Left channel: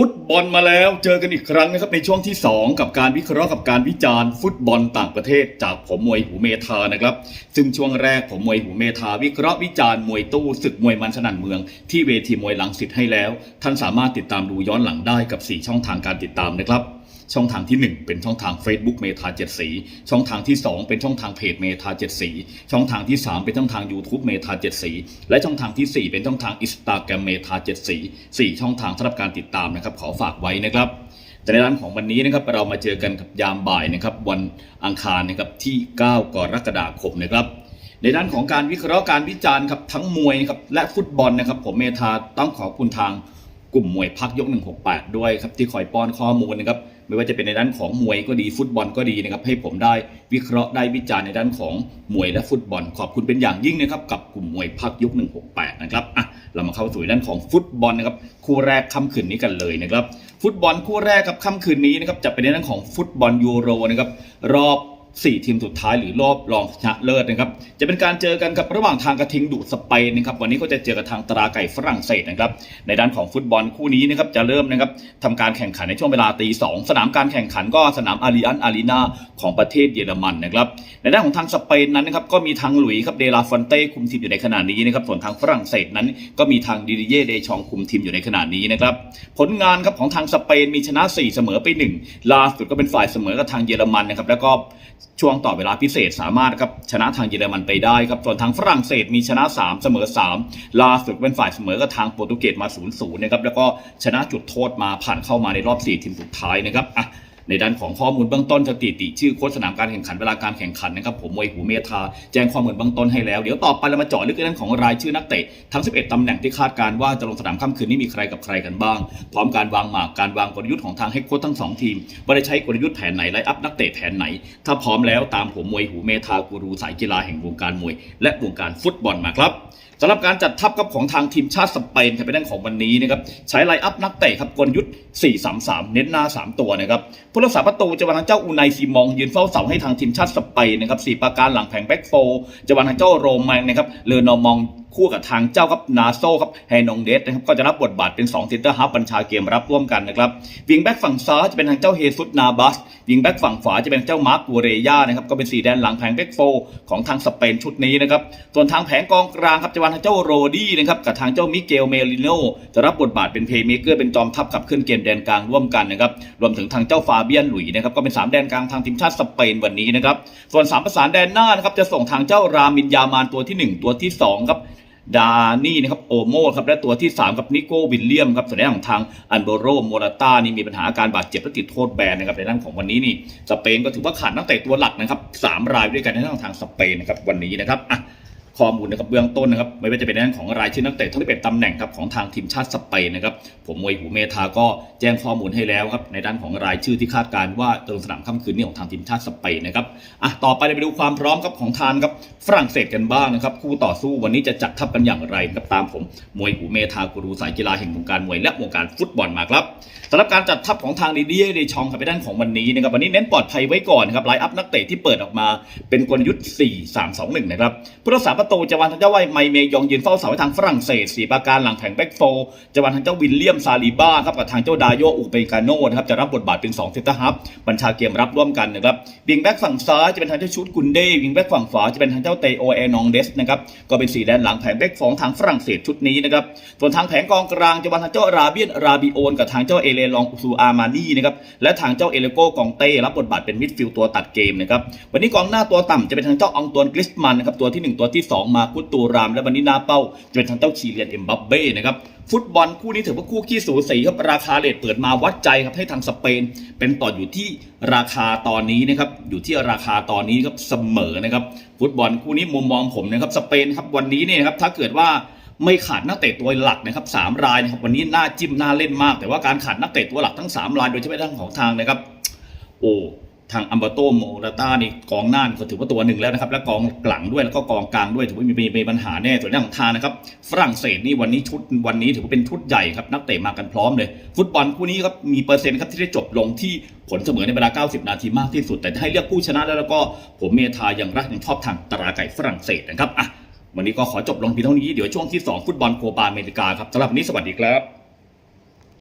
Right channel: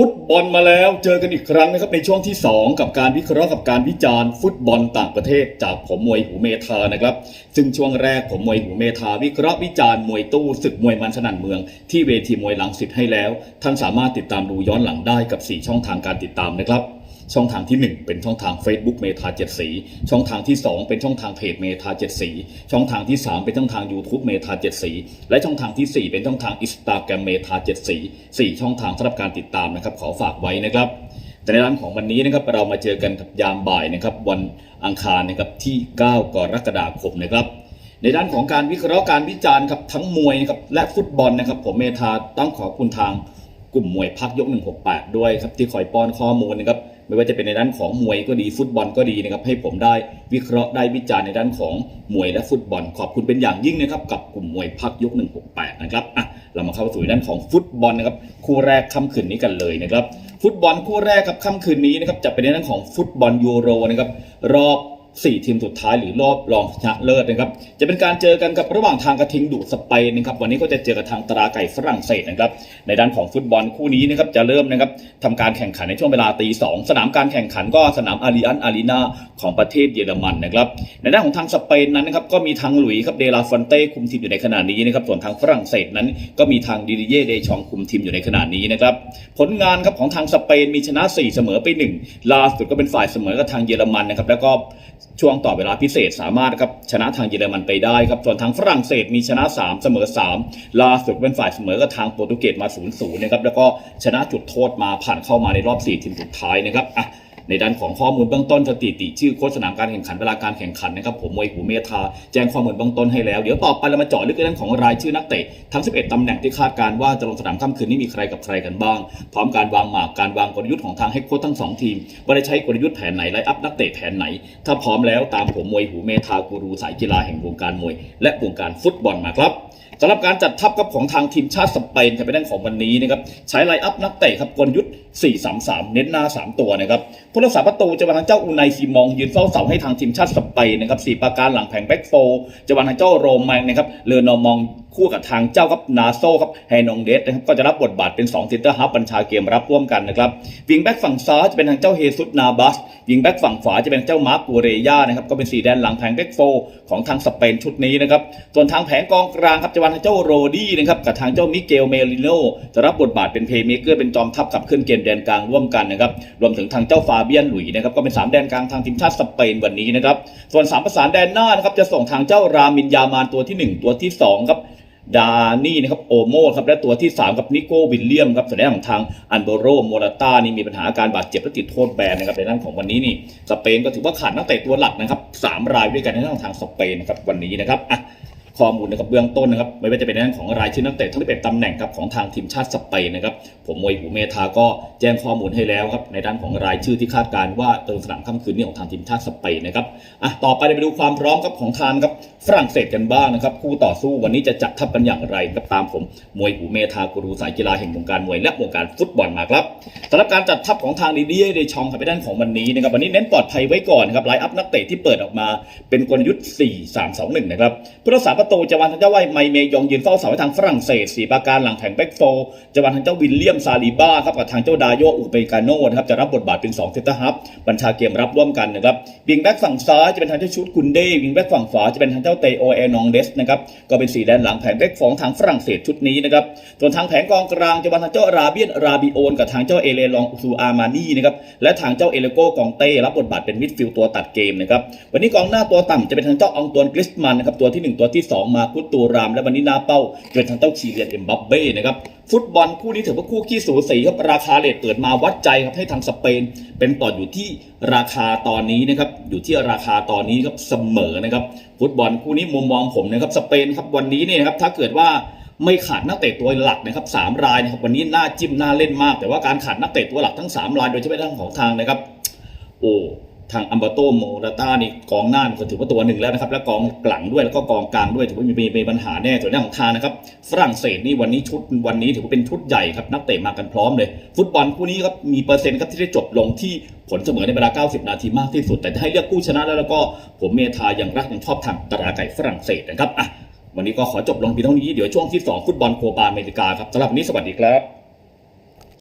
ฟุตบอลมาแล้วเจอกันอีกครั้งนะครับในช่วงที่ 2 กับการวิเคราะห์กับการวิจารณ์ฟุตบอลต่างประเทศจากผมมวยหูเมธานะครับ ซึ่งช่วงแรกผมมวยหูเมธาวิเคราะห์วิจารณ์มวยตู้ศึกมวยมันสนั่นเมือง ที่เวทีมวยหลังสิทธิ์ให้แล้ว ท่านสามารถติดตามดูย้อนหลังได้กับ 4 ช่องทางการติดตามนะครับ ช่องทางที่ 1 เป็นช่องทาง Facebook เมธาเจ็ดสี ช่องทางที่ 2 เป็นช่องทางเพจเมธาเจ็ดสี ช่องทางที่ 3 เป็นช่องทาง YouTube เมธาเจ็ดสี และช่องทางทีสี่ 4 เป็นช่องทางอินสตาแกรมเมธาเจ็ดสีสี่ช่องทางสำหรับการติดตามนะครับขอฝากไว้นะครับแต่ในร้านของวันนี้นะครับเรามาเจอกันกับยามบ่ายนะครับวันอังคารนะครับที่ 9 กรกฎาคมนะครับในด้านของการวิเคราะห์การวิจารณ์ครับทั้งมวยนะครับและฟุตบอลนะครับผมเมธาต้องขอบคุณทางกลุ่มมวยพักยก 168 ด้วยครับที่คอยป้อนข้อมูลนะครับ ไม่ว่าจะเป็นในด้านของมวยก็ดีฟุตบอลก็ดีนะครับให้ผมได้วิเคราะห์ได้วิจารณ์ในด้านของมวยและฟุตบอล ขอบคุณเป็นอย่างยิ่งนะครับกับกลุ่มมวยพักยก 168 นะครับอะเรามาเข้าสู่ในด้านของฟุตบอลนะครับคู่แรกค่ำคืนนี้กันเลยนะครับ ฟุตบอลคู่แรกครับค่ำคืนนี้นะครับจะเป็นในด้านของฟุตบอลยูโรนะครับรอบ 4 ทีมสุดท้ายหรือรอบรองชนะเลิศนะครับ จะเป็นการเจอกันกับระหว่างทางกระทิงดุสเปนนะครับ วันนี้ก็จะเจอกับทางตราไก่ฝรั่งเศสนะครับ ในด้านของฟุตบอลคู่นี้นะครับจะเริ่มนะครับทำการแข่งขันในช่วงเวลาตีสองสนามการแข่งขันก็สนามอาริอันอารีนาของประเทศเยอรมันนะครับ ในด้านของทางสเปนนั้นนะครับก็มีทางหลุยส์ครับเดลาฟอนเต้คุมทีมอยู่ในขณะนี้นะครับ ส่วนทางฝรั่งเศสนั้น ก็มีทางดิดิเย่เดชองคุมทีมอยู่ในขณะนี้นะครับ ผลงานครับของทางสเปนมีชนะ 4 เสมอไป 1 ล่าสุดก็เป็นฝ่ายเสมอกับทางเยอรมันนะครับ แล้วก็ช่วงต่อเวลาพิเศษสามารถครับชนะทางเยอรมันไปได้ครับส่วนทางฝรั่งเศสมีชนะ 3 เสมอ 3 ล่าสุดเป็นฝ่ายเสมอกับทางโปรตุเกสมา0-0นะครับแล้วก็ชนะจุดโทษมาผ่านเข้ามาในรอบ4ทีมสุดท้ายนะครับอะ ในด้านของข้อมูลเบื้องต้นสถิติ ชื่อโค้ชสนามการแข่งขันเวลาการแข่งขันนะครับผมมวยหูเมธาแจ้งข้อมูลเบื้องต้นให้แล้ว เดี๋ยวต่อไปเรามาเจาะลึกในด้านของรายชื่อนักเตะทั้ง 11ตำแหน่งที่คาดการว่าจะลงสนามค่ำคืนนี้มีใครกับใครกันบ้าง พร้อมการวางหมากการวางกลยุทธ์ของทางเฮดโค้ชทั้งสองทีมว่าได้ใช้กลยุทธ์แผนไหนไลน์อัพนักเตะแผนไหน ถ้าพร้อมแล้วตามผมมวยหูเมธากูรูสายกีฬาแห่งวงการมวย และวงการฟุตบอลมาครับ สำหรับการจัดทัพครับของทางทีมชาติสเปนจะเป็นเรื่องของวันนี้นะครับใช้ไลน์อัพนักเตะครับกลยุทธ์ 4-3-3 เน้นหน้า 3 ตัวนะครับผู้รักษาประตูจะวันทางเจ้าอูไนซีมองยืนเฝ้าเสาให้ทางทีมชาติสเปนนะครับสี่ประการหลังแผงแบ็กโฟร์จะวันทางเจ้าโรแมงนะครับเลอนอมองคู่กับทางเจ้าครับนาโซครับไฮนองเดสนะครับก็จะรับบทบาทเป็น2เซนเตอร์ฮับบัญชาเกมรับร่วมกันนะครับวิงแบ็กฝั่งซ้ายจะเป็นทางเจ้าเฮซุสนาบัสวิงแบ็กฝั่งขวาจะเป็นเจ้ามาร์กัวเรย่านะครับก็เป็นสีแดนหลังแผงแบ็กโฟของทางสเปนชุดนี้นะครับส่วนทางแผงกองกลางครับจะวางทางเจ้าโรดี้นะครับกับทางเจ้ามิเกลเมลิโนจะรับบทบาทเป็นเพย์เมเกอร์เป็นจอมทัพขับเคลื่อนเกมแดนกลางร่วมกันนะครับรวมถึงทางเจ้าฟาเบียนหลุยส์นะครับก็เป็นสามแดนกลางทางทีมชาติสเปนวันนี้นะครับส่วนสามประสานแดนหน้านะครับจะส่งทางเจ้ารามินยามานตัวที่หนึ่งตัวที่สองครับ ดานี่นะครับโอโมครับและตัวที่3กับนิโก้วิลเลียมครับแสดงของทางอันโบโรโมราต้านี่มีปัญหาอาการบาดเจ็บและติดโทษแบนนะครับในด้านของวันนี้นี่สเปนก็ถือว่าขาดนักเตะตัวหลักนะครับสามรายด้วยกันในด้านของทางสเปนนะครับวันนี้นะครับอะ ข้อมูลนะครับเบื้องต้นนะครับไม่ว่าจะเป็นในด้านของรายชื่อนักเตะทั้ง11ตำแหน่งครับของทางทีมชาติสเปนนะครับผมมวยหูเมธาก็แจ้งข้อมูลให้แล้วครับในด้านของรายชื่อที่คาดการณ์ว่าเติมสนามค่ำคืนนี้ของทางทีมชาติสเปนนะครับอะต่อไปเราไปดูความพร้อมครับของทางครับฝรั่งเศสกันบ้างนะครับคู่ต่อสู้วันนี้จะจัดทัพกันอย่างไรครับตามผมมวยหูเมธากูรูสายกีฬาแห่งวงการมวยและวงการฟุตบอลมาครับสำหรับการจัดทัพของทางดีดีเดชองครับไปด้านของวันนี้นะครับวันนี้เน้นปลอดภัยไว้ก่อนครับไลน์อัพนักเตะที่เปิดออกมาเป็นกลยุทธ์ 4 3 2 1 นะครับผู้รักษาประตูจวางทางเจ้าไวไมเมยองยืนเฝ้าเสาให้ทางฝรั่งเศสสีประการหลังแผงแบ็กโฟร์จวางทางเจ้าวิลเลียมซาลิบ้าครับกับทางเจ้าดาโยอุเปกาโนนะครับจะรับบทบาทเป็น2เซตฮับบัญชาเกมรับร่วมกันนะครับวิงแบ็กฝั่งซ้ายจะเป็นทางเจ้าชุดกุนเดวิงแบ็กฝั่งขวาจะเป็นทางเจ้าเตโอเอนองเดสนะครับก็เป็นสีแดนหลังแผงแบ็กของทางฝรั่งเศสชุดนี้นะครับส่วนทางแผงกองกลางจะวางทางเจ้าราเบียนราบิโอนกับทางเจ้าเอเลลองซูอามานีนะครับและทางเจ้าเอเลโกกองเต้รับบทบาทเป็นมิดฟิลด์ตัวตัดเกมนะครับวันนี้กองหน้าตัวต่ำจะเป็นทางเจ้าอองตวนกริสมันนะครับตัวที่หนึ่งตัวที่สองมาคุตตูราม และวันนี้หน้าเป้าจเป็นทางเจ้าชีเลียนเอ็มบัปเบ้นะครับฟุตบอลคู่นี้ถือว่าคู่ขี้สูสีครับราคาเลทเปิดมาวัดใจครับให้ทางสเปน เป็นต่ออยู่ที่ราคาตอนนี้นะครับอยู่ที่ราคาตอนนี้ครับเสมอนะครับฟุตบอลคู่นี้มุมมองผมนะครับสเปนครับวันนี้เนี่ยนะครับถ้าเกิดว่าไม่ขาดนักเตะตัวหลักนะครับสามรายนะครับวันนี้น่าจิ้มน่าเล่นมาก แต่ว่าการขาดนักเตะตัวหลักทั้งสามรายโดยเฉพาะทางของทางนะครับ โอ้ ทางอัมบาโตโมราต้านี่กองหน้าก็ถือว่าตัวหนึ่งแล้วนะครับ แล้วกองหลังด้วยแล้วก็กองกลางด้วยถือว่ามีมีปัญหาแน่ส่วนด้านของทางนะครับ ฝรั่งเศสนี่วันนี้ชุดวันนี้ถือว่าเป็นชุดใหญ่ครับนักเตะมากันพร้อมเลย ฟุตบอลคู่นี้ครับมีเปอร์เซ็นต์ครับที่ได้จบลงที่ผลเสมอในเวลา 90 นาทีมากที่สุด แต่ให้เลือกผู้ชนะแล้วแล้วก็ผมเมธาอย่างรักยังชอบทางตราไก่ฝรั่งเศสนะครับอะวันนี้ก็ขอจบลงเพียงเท่านี้เดี๋ยวช่วงที่สองฟุตบอลโคปาอเมริกาครับสำหรับวันนี้สวัสดีครับ